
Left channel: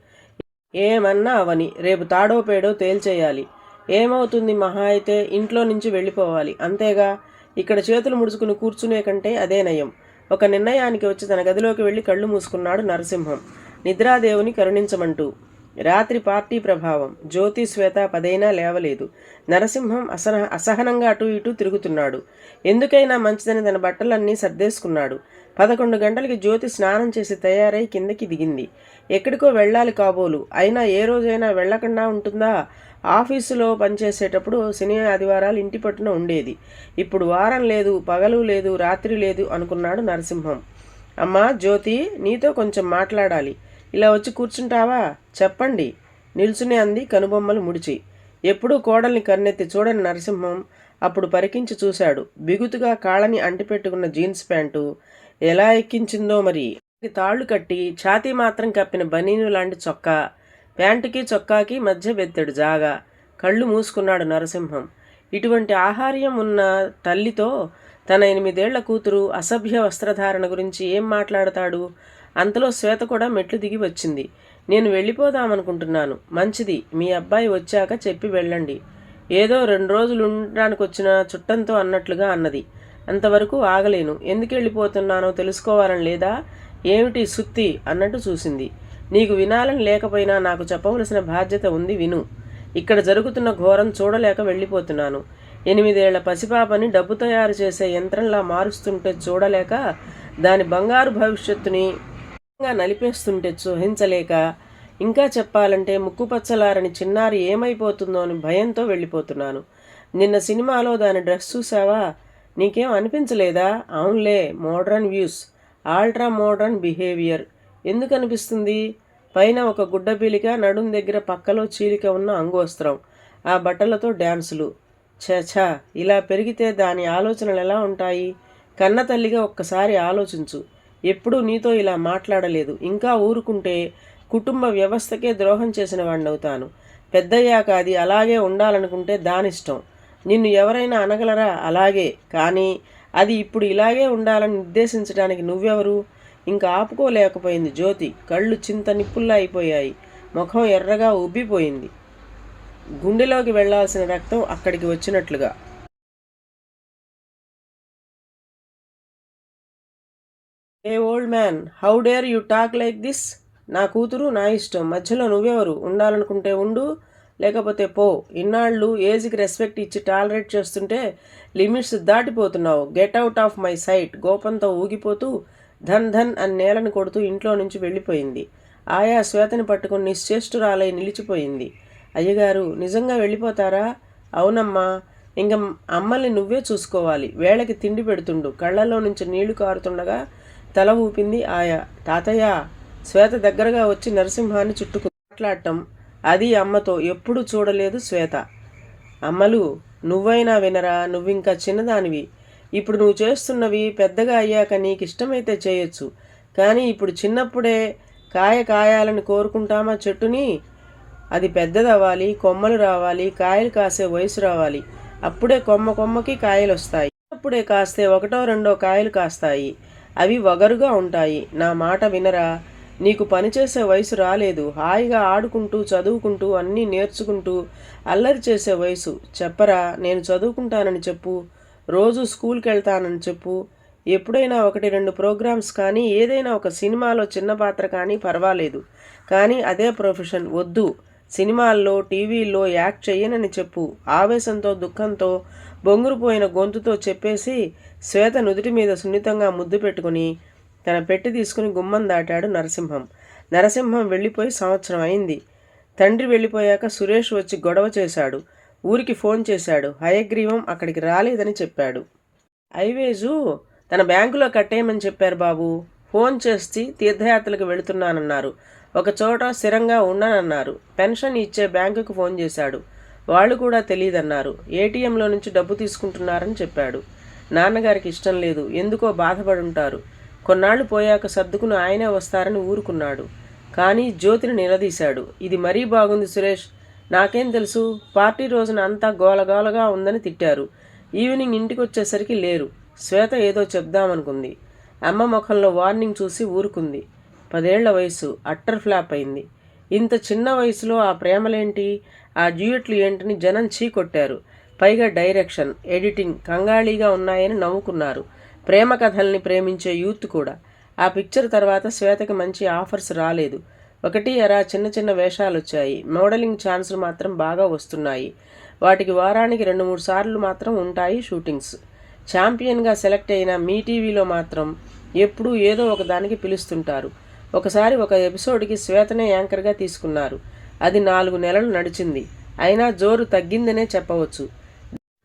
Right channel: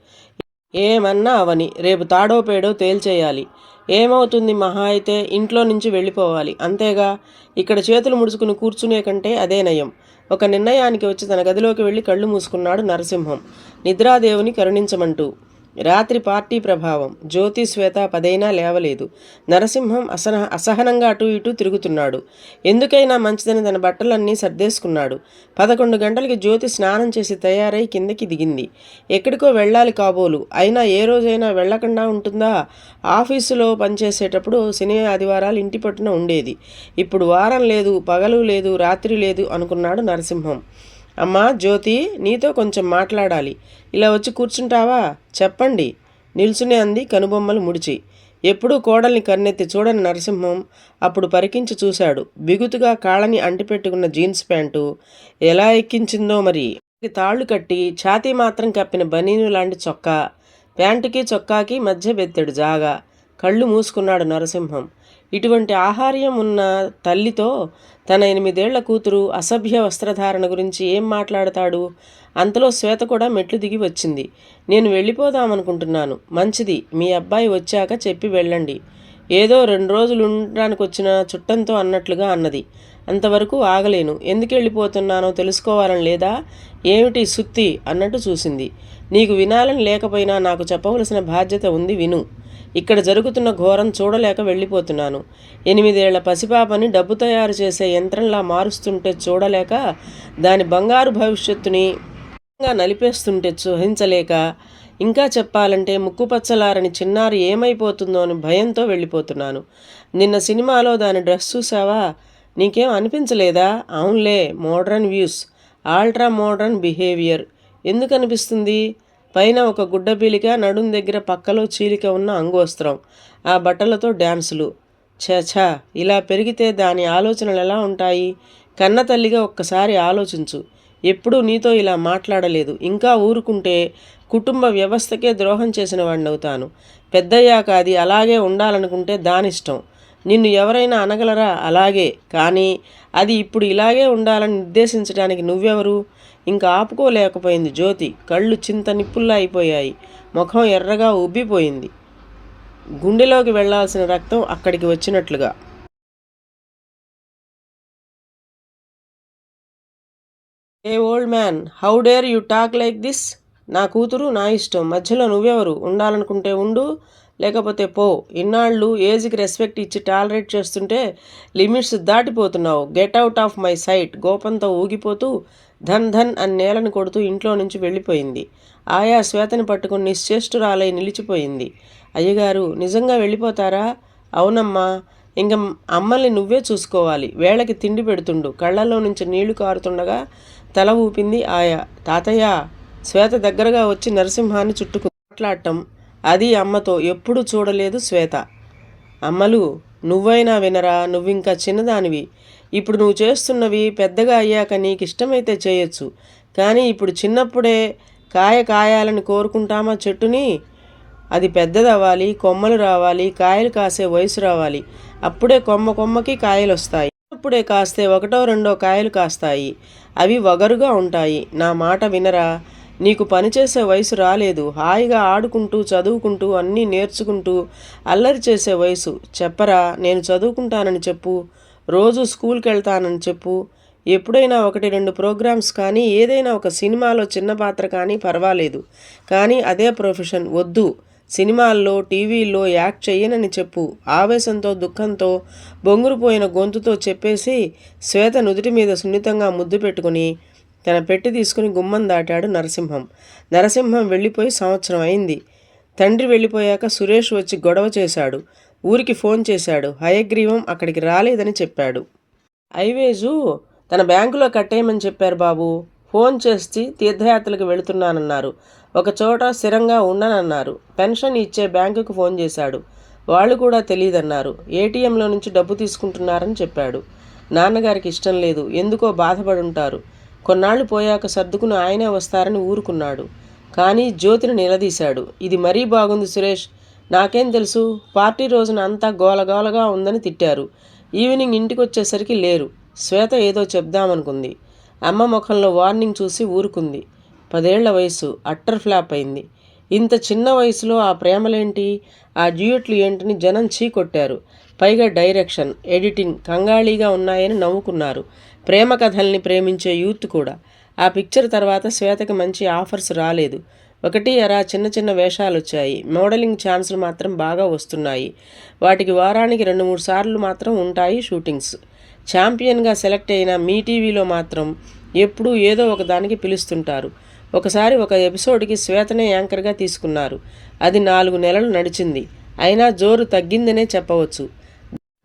ఏమన్నా అవని రేపు తాడో పేడో తేల్చేయాలి. ఏమవుతుంది మహా అయితే ఇంట్లో నుంచి వెళ్ళిపోవాలి. అంతేగా ఇక్కడ చేతులు ముడుచుకుని కూర్చునే కంటే అదే నయం. ఒక నిర్ణయానికి వచ్చి తన గదిలోకి వెళ్ళి కళ్ళు మూసుకున్నాడు నరసింహం. నిద్రాదేవుని కరుణించమంటూ రాత్రి పార్టీ ప్రభావం. జ్యోతి శ్వేత పదైనా లేవలేదు. నరసింహం అసహ అసహనంగా అటు ఇటు తిరుగుతున్నాడు. ఎందుకైనా మంచిదని తన బట్టలన్నీ సర్దేసుకున్నాడు. పదకొండు గంటలకి జ్యోతి స్నానం చేసి తయారై కిందకి దిగింది. ఎక్కడికో వెళ్ళాలి కాబోలు. అయినా ఏ రోజైనా వెళ్ళకుండా ఉంటుందా? ఆఫీసులో పనిచేసేటప్పుడు శని ఆదివారాలు ఇంటి పట్టున ఉండేది. ఇప్పుడు వారం లేదు పగలు లేదు రాత్రి లేదు అనుకున్నాడు నరసింహం. అమ్మా జ్యోతి నీతో కొంచెం మాట్లాడాలి. ఇలా వచ్చి కూర్చుంటావా? చెప్పండి. నిల్చునే అంది కనుబొమ్మలు ముడిచి. ఎప్పుడూ కోడల్ని కన్నెత్తి చూడని నరసింహం అప్పుడు పరికించి చూశాడు. బిగుతుగా కాళ్ళని అంటిపెట్టుకున్న జీన్స్ ప్యాంటు ఎలా ఎక్కించిందో మరి. తాళ్ళు కట్టి ఛాతీ మాత్రం కప్పిన బనీను లాంటి చొక్కా. ప్యాంటుకి చొక్కాకి మధ్య బెత్తెడు జాగా. కళ్ళు మూసుకున్నాడు నరసింహం. ఇటువంటి ఆహార్యం ఉన్న తల్లితో తన ఎనిమిదేళ్ళ కూతురు అసభ్య వస్త్రధారణ గురించి ఏం మాట్లాడతాడు? అంతలో శ్వేత కూడా మెట్లు దిగి వచ్చింది. నేను వెళ్ళిపోదామనుకుంటున్నాను. మంచిది. మీ అబ్బాయి వచ్చాక చెప్పి వెళ్ళండి. ఏదో రెండు రోజులు ఉండడానికి వచ్చిన చుట్టంతో అన్నట్లుగా అన్నది. అంతవరకు ఆగలేను. ఎందుకు వెళ్ళిపోతున్నానో తెలుసుకోవాలని లేదా? ఏమిటి సుత్తి? అన్నట్టు చూసింది. నీకు వినాలని లేకపోయినా నాకు చెప్పవలసిన బాధ్యత ఉంది విను. ఇక్కడ జరుగుతున్న ఘోరం చూడలేక వెళ్ళిపోతున్నాను. ఎనిమిదేళ్ళ పసిపాపని డబ్బు తయారు చేసే యంత్రంలా మారుస్తుంటే చూడలేక దాని బంగారు భవిష్యత్తుని నలిపేస్తుంటే చూహించలేక ఇంకా చెప్పాలంటే ముక్కుపచ్చలారని చిన్నారి ఏమైపోతుందో అని భయంతో వెళ్ళిపోతున్నాను. నిన్న సినిమాలో దాని డ్రెస్ చూసావా నీకేం అనిపించలేదా? అవునులే modern views ultra modern behaviour. ఎందుకు అనిపిస్తుంది పైన ఒక గుడ్డ పీలిక నడుం దగ్గర పక్కలో చీలిక ఉన్న అంగోస్త్రం. ఆ బట్టలతో డ్యాన్సులు ఛ ఇలా పెరిగితే దాని ఆలోచనలు ఎలా ఉంటాయి? కన్న తల్లిగా ఒక్కసారి ఆలోచించు. ఎప్పుడూ నీతో ఇలా మాట్లాడలేదు. ఇంకా ఊరుకుంటే కుటుంబ వ్యవస్థకే ద్రోహం చేసిన వాడినవుతాను పెద్దయ్యాక అది అలాగే ఉండాలనుకుంటే దానిష్టం. నిన్ను ఎవరైనా అనగలరా? అలాగే. కానీ అది ఇప్పుడు ఇలాగే ఉండాలని నిర్దేశించడానికి నువ్వెవరు? ఇంకా ఆపుకోలేకపోయింది జ్యోతి. కళ్ళు చింత నిప్పుల్లా అయిపోయాయి. ముఖం ఎర్రగా ఉబ్బిపోయింది. గుండెలోకి వెళ్ళాల్సిన రక్తం అక్కడికి వచ్చినట్లుగా. ఏ old man how dare you talk like this? నా కూతురు నా ఇష్టం. మధ్యలో నువ్వెవరు? ఉండాలనుకుంటే ఉండు. లేకపోతే పో. ఇన్నాళ్ళు ఏజ్కి రెస్పెక్ట్ ఇచ్చి టాలరేట్ చేస్తుంటే limits దాటిపోతున్నావు. Get out of my sight. గోపంతో ఊగిపోతూ ధన్ ధన్ అని నేలను కొడుతూ ఇంట్లో నుంచి వెళ్ళిపోయింది. ఆయా శ్వేతని పట్టుకుని నిశ్చేష్టురాలై నిలిచిపోయింది. అయ్యగారు నిజంగా వెళ్ళిపోతారా? అవునమ్మా ఇంక అమ్మల్ని నువ్వే చూసుకోవాలి. వేళకి తిండి పెడుతుండు. కళ్ళల్లో నుంచి నీళ్ళు కారుతుండగా తల ఊపింది ఆయా. తాతయ్య శ్వేత దగ్గరగా వచ్చి నరసింహాన్ని చుట్టుకు మాట్లాడటం అది అమ్మతో ఎప్పుడూ చూడలేదు శ్వేత. అమ్మలు నువ్వైనా వినరా? నువ్వింకా చిన్నదానివి. ఇప్పుడు నువ్వు చేస్తున్నవి పెద్దగా అయ్యాక నీకు ఇష్టమైతే చేయొచ్చు. కానీ ఇప్పుడు చిన్నప్పుడే కాయ కాయాలని కోరుకుంటామా చెట్టుని? అది పెద్దదవ్వాలి కొమ్మలు రావాలి కాయలు కాసే వయసు రావాలి. అప్పుడే కొమ్మ కొమ్మకి కాయలు వస్తాయి అప్పుడే కాస్తే ఒకటో రెండో కాయలు కాస్తాయి. అవి వగరుగా ఉంటాయి. నా మాట వినరా? నీకు పనిచేసే వయసు రాలేదు. హాయిగా ఆడుకుంటూ చదువుకుంటూ అన్నీ నేర్చుకుంటూ అల్లరి చేసే వయసు. చెప్పరా? నేను చదువుకుంటానని చెప్పు. రోజు స్కూల్కి వెళ్తానని చెప్పు. ఎప్పుడైనా ఒకటి రెండు ప్రోగ్రామ్స్ కానీ ఏదైనా ఒక సినిమాలో చిన్న పాత్ర కానీ పర్వాలేదు. కానీ అదే ప్రొఫెషన్. వద్దు. సినిమాల్లో టీవీల్లో యాక్ట్ చెయ్యనని చెప్పు. ఆవేశంతో దుఃఖంతో బొంగురుపోయిన గొంతుతో చెప్పేసి శ్వేత నుదుటి మీద సున్నితంగా ముద్దు పెట్టుకుని తన పెట్టి తీసుకుని గుమ్మం దాటాడు నరసింహం. నరసింహం వెళ్ళిపోయి సంవత్సరం అయింది. తండ్రి వెళ్ళిపోయాక సురేష్ వచ్చి గొడవ చేశాడు. ఊరికి ఫోన్ చేశాడు. హయగ్రీవం అక్కడికి రాలేదని చెప్పాడు. ఐవేజు తన బ్యాంకులో కట్టేయమని చెప్పారు బాబు. ఫోన్ చేసి తీర్థయాత్రలకు వెళుతున్నానన్నారు. ఒక చోట స్థిరంగా ఉండనన్నారు పెన్షన్ ఇచ్చే బ్యాంకుకు ఫోన్ చేశాడు. వాళ్ళు కూడా తెలియదన్నారు ఏటీఎంలో నుంచి డబ్బు తీసుకుంటున్నారని చెప్పాడు. నాన్నగారికి ఇష్టం లేదు. ఎందుకో బాధపడుంటారు. కొన్నాళ్ళు పోయాక సర్దుకుని ఆయనే వస్తారని ఊరుకున్నాడు. కానీ జ్యోతిని నిలదీశాడు. ఇది మరీ బాగుంది సురేష్. నాకేం తెలుసు? పార్టీ రోజున అంతా గోలగోలగా ఉందని తిట్టారు. ఈవినింగ్ ఇంటికి వచ్చేసరికి లేరు. శ్వేత ఏదో చెప్దామనుకుంది. అమ్మ ముఖంలో వార్నింగ్ చూసి ఊరుకుంది. పదేళ్ళ వయసు అట్టర్ ఫ్లాప్ అయింది. ఇంత చిన్న వయసులో ఆ ప్రేమలేంటి? ఆ డ్యూయట్లు ఏంటని జనం చీకొట్టారు పైగా డైరెక్షన్ ఎడిటింగ్ కంగాళీగా ఉన్నాయని నవ్వుకున్నారు. ప్రేమ కథల్ని ప్రేమించే యూత్ కూడా. ఆ పిక్చర్ తర్వాత శ్వేతకి మంచి ఆఫర్స్ రాలేదు. ఒకటి అరా చిన్న చిన్న వేషాలు వచ్చాయి మోడలింగ్ ఛాన్సులు మాత్రం బాగా వస్తున్నాయి. వాటికి వారానికి రెండు మూడు సార్లు మాత్రం ఉంటాయి షూటింగ్స్. ఛాంపియన్గా సెలెక్ట్ అయిన మీ టీవీలో మాత్రం ఎప్పుడూ ఏదో ఒక దానికి పిలుస్తుంటారు. ఒకసారి ఒక ఎపిసోడ్కి శ్వేతనే యాంకర్గా తీసుకున్నారు. అది నాలుగు నెలలు నడిచింది. అయినా జోరు తగ్గిందనే చెప్పవచ్చు.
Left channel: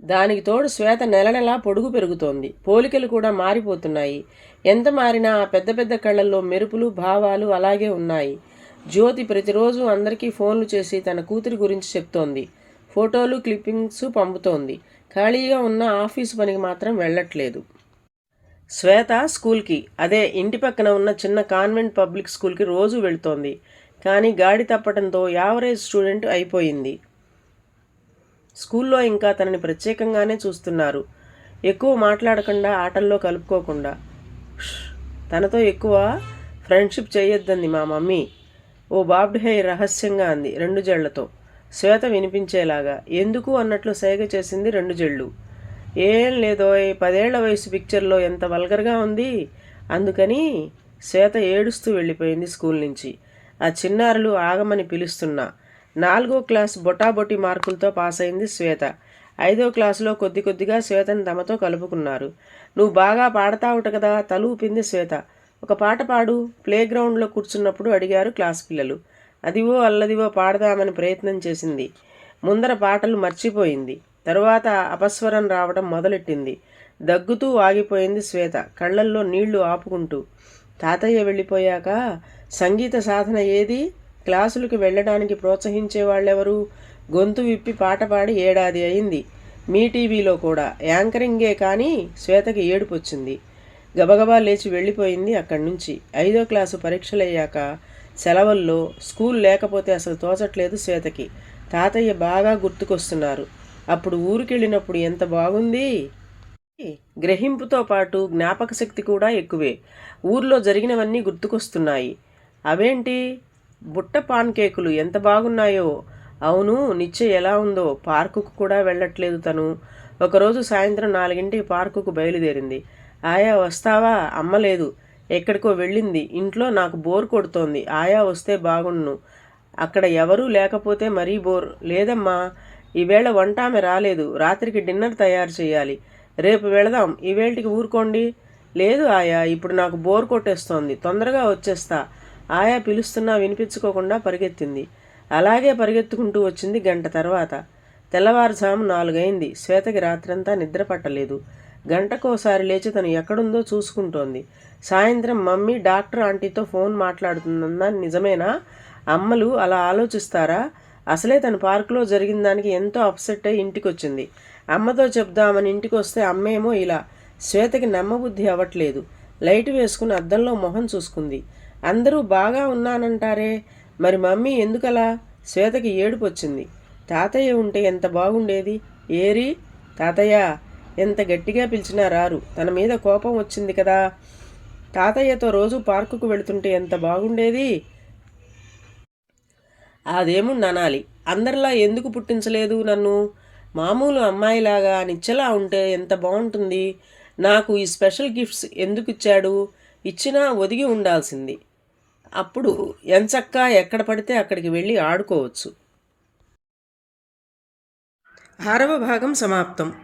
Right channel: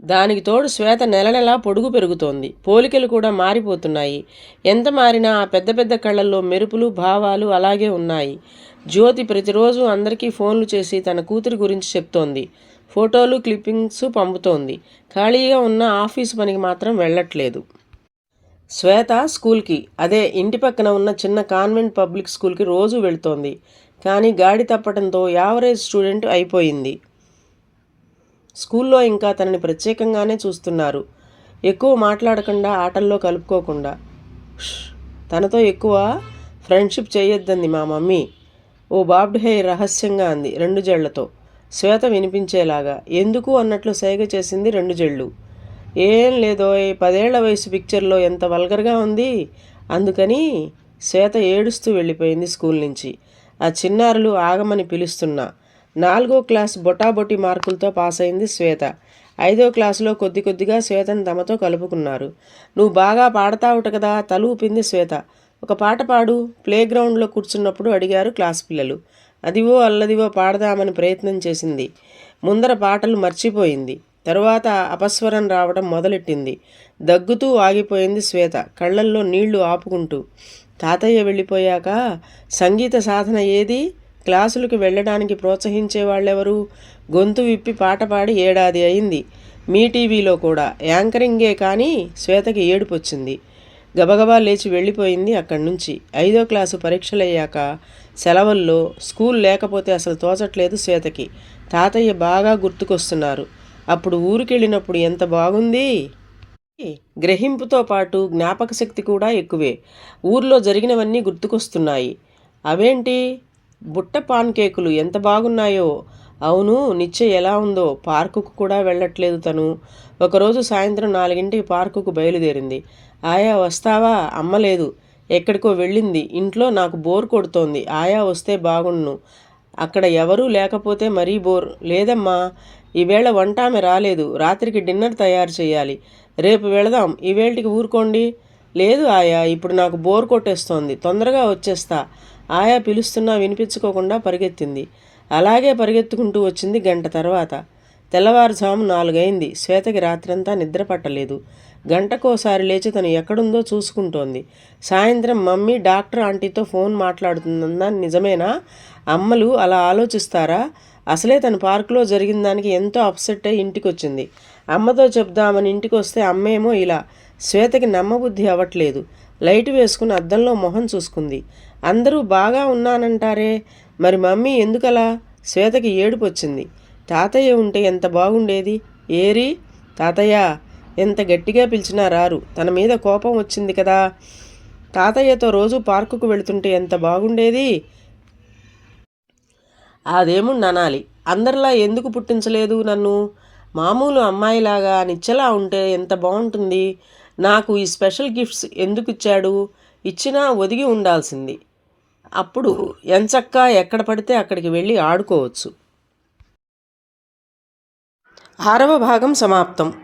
దానికి తోడు శ్వేత నెల నెలా పొడుగు పెరుగుతోంది. పోలికలు కూడా మారిపోతున్నాయి. ఎంత మారినా ఆ పెద్ద పెద్ద కళ్ళల్లో మెరుపులు భావాలు అలాగే ఉన్నాయి. జ్యోతి ప్రతిరోజు అందరికీ ఫోన్లు చేసి తన కూతురి గురించి చెప్తోంది. ఫోటోలు క్లిప్పింగ్స్ పంపుతోంది. ఖాళీగా ఉన్న ఆఫీస్ పనికి మాత్రం వెళ్ళట్లేదు. శ్వేత స్కూల్కి అదే ఇంటి పక్కన ఉన్న చిన్న కాన్వెంట్ పబ్లిక్ స్కూల్కి రోజు వెళుతోంది. కానీ గాడి తప్పడంతో యావరేజ్ స్టూడెంట్ అయిపోయింది. స్కూల్లో ఇంకా తనని ప్రత్యేకంగానే చూస్తున్నారు. ఎక్కువ మాట్లాడకుండా ఆటల్లో కలుపుకోకుండా. తనతో ఎక్కువ ఫ్రెండ్షిప్ చేయొద్దంది మా మమ్మీ. ఓ బాబ్డ్ హెయిర్ రహస్యంగా అంది రెండు జళ్ళతో. శ్వేత వినిపించేలాగా ఎందుకు అన్నట్లు సేగ చేసింది రెండు జళ్ళు. ఏం లేదో ఈ పదేళ్ళ వయసు పిక్చర్లో ఎంత వల్గర్గా ఉంది? అందుకని శ్వేత ఏడుస్తూ వెళ్ళిపోయింది స్కూల్ నుంచి. ఆ చిన్నారులు ఆగమని పిలుస్తున్నా. నాలుగో క్లాస్ బొటాబొటి మార్కులతో పాస్ అయింది శ్వేత. ఐదో క్లాసులో కొద్ది కొద్దిగా శ్వేతని తమతో కలుపుకున్నారు. నువ్వు బాగా పాడతావుట కదా తలూపింది శ్వేత. ఒక పాట పాడు ప్లేగ్రౌండ్లో కూర్చున్నప్పుడు అడిగారు క్లాస్ పిల్లలు. అదివో అల్లదివో పాడదామని ప్రయత్నం చేసింది. ముందర పాటలు మర్చిపోయింది. తరువాత అపస్వరం రావడం మొదలెట్టింది. దగ్గుతూ ఆగిపోయింది శ్వేత. కళ్ళల్లో నీళ్ళు ఆపుకుంటూ తాతయ్య వెళ్ళిపోయాక సంగీత సాధన ఏది? క్లాసులకు వెళ్ళడానికి ప్రోత్సహించే వాళ్ళెవరు గొంతు విప్పి పాట పాడి ఏడాది అయింది. మీ టీవీలో కూడా. యాంకరింగే కానీ శ్వేతకి ఏడుపు వచ్చింది గబగబా లేచి వెళ్ళిపోయింది అక్కడి నుంచి. ఐదో క్లాసు పరీక్షలయ్యాక సెలవుల్లో స్కూల్ లేకపోతే అసలు తోచట్లేదు శ్వేతకి. తాతయ్య బాగా గుర్తుకొస్తున్నారు. అప్పుడు ఊరికెళ్ళినప్పుడు ఎంత బాగుంది? గ్రహింపుతో పాటు జ్ఞాపక శక్తి కూడా ఎక్కువే. ఊర్లో జరిగినవన్నీ గుర్తుకొస్తున్నాయి. అవేంటి? బుట్ట పాన్ కేకులు ఎంత బాగున్నాయో. అవును నిత్య ఎలా ఉందో. పార్కుకు కూడా వెళ్ళట్లేదు తను. ఒకరోజు సాయంత్రం నాలుగింటికి పార్కుకు బయలుదేరింది. ఆయా వస్తావా? అమ్మ లేదు ఎక్కడికో వెళ్ళింది. ఇంట్లో నాకు బోర్ కొడుతోంది. ఆయా వస్తే బాగుండును అక్కడ ఎవరూ లేకపోతే మరీ బోర్. లేదమ్మా ఈవేళ వంట ఆమె రాలేదు. రాత్రికి డిన్నర్ తయారు చేయాలి. రేపు వెళదాం. ఈవేళకి ఊరుకోండి. లేదు ఆయా ఇప్పుడు నాకు బోర్ కొట్టేస్తోంది. తొందరగా వచ్చేస్తా. ఆయా పిలుస్తున్నా వినిపించుకోకుండా పరిగెత్తింది. అలాగే పరిగెత్తుకుంటూ వచ్చింది గంట తర్వాత. తెల్లవారుజాము నాలుగైంది. శ్వేతకి రాత్రంతా నిద్ర పట్టలేదు. గంటకోసారి లేచి తను ఎక్కడుందో చూసుకుంటోంది. సాయంత్రం మమ్మీ డాక్టర్ ఆంటీతో ఫోన్ మాట్లాడుతుందా నిజమేనా? అమ్మలు అలా ఆలోచిస్తారా? అసలే తన పార్కులో జరిగిన దానికి ఎంతో అప్సెట్ అయి ఇంటికి వచ్చింది అమ్మతో చెప్దామని ఇంటికి వస్తే అమ్మేమో ఇలా శ్వేతకి నమ్మబుద్ధి అవ్వట్లేదు. లైట్ వేసుకుని అద్దంలో మొహం చూసుకుంది. అందరూ బాగా ఉన్నానంటారే? మరి మమ్మీ ఎందుకలా? శ్వేతకి ఏడుపు వచ్చింది తాతయ్య ఉంటే ఎంత బాగుండేది? ఏరి? తాతయ్య ఎంత గట్టిగా పిలిచినా రారు. తన మీద కోపం వచ్చింది కదా. తాతయ్యతో రోజు పార్కుకు వెళుతుంటే ఎంత బాగుండేది. అదేముండి అందరిలా ఎందుకు పుట్టించలేదు నన్ను? మామూలు అమ్మాయిలాగా నిచ్చలా ఉంటే ఎంత బాగుంటుంది. నాకు ఈ స్పెషల్ గిఫ్ట్స్ ఎందుకు ఇచ్చాడు? ఇచ్చినా ఒదిగి ఉండాల్సింది. అప్పుడు ఎంచక్క ఎక్కడ పడితే అక్కడికి వెళ్ళి ఆడుకోవచ్చు. ఆరవ భాగం సమాప్తం.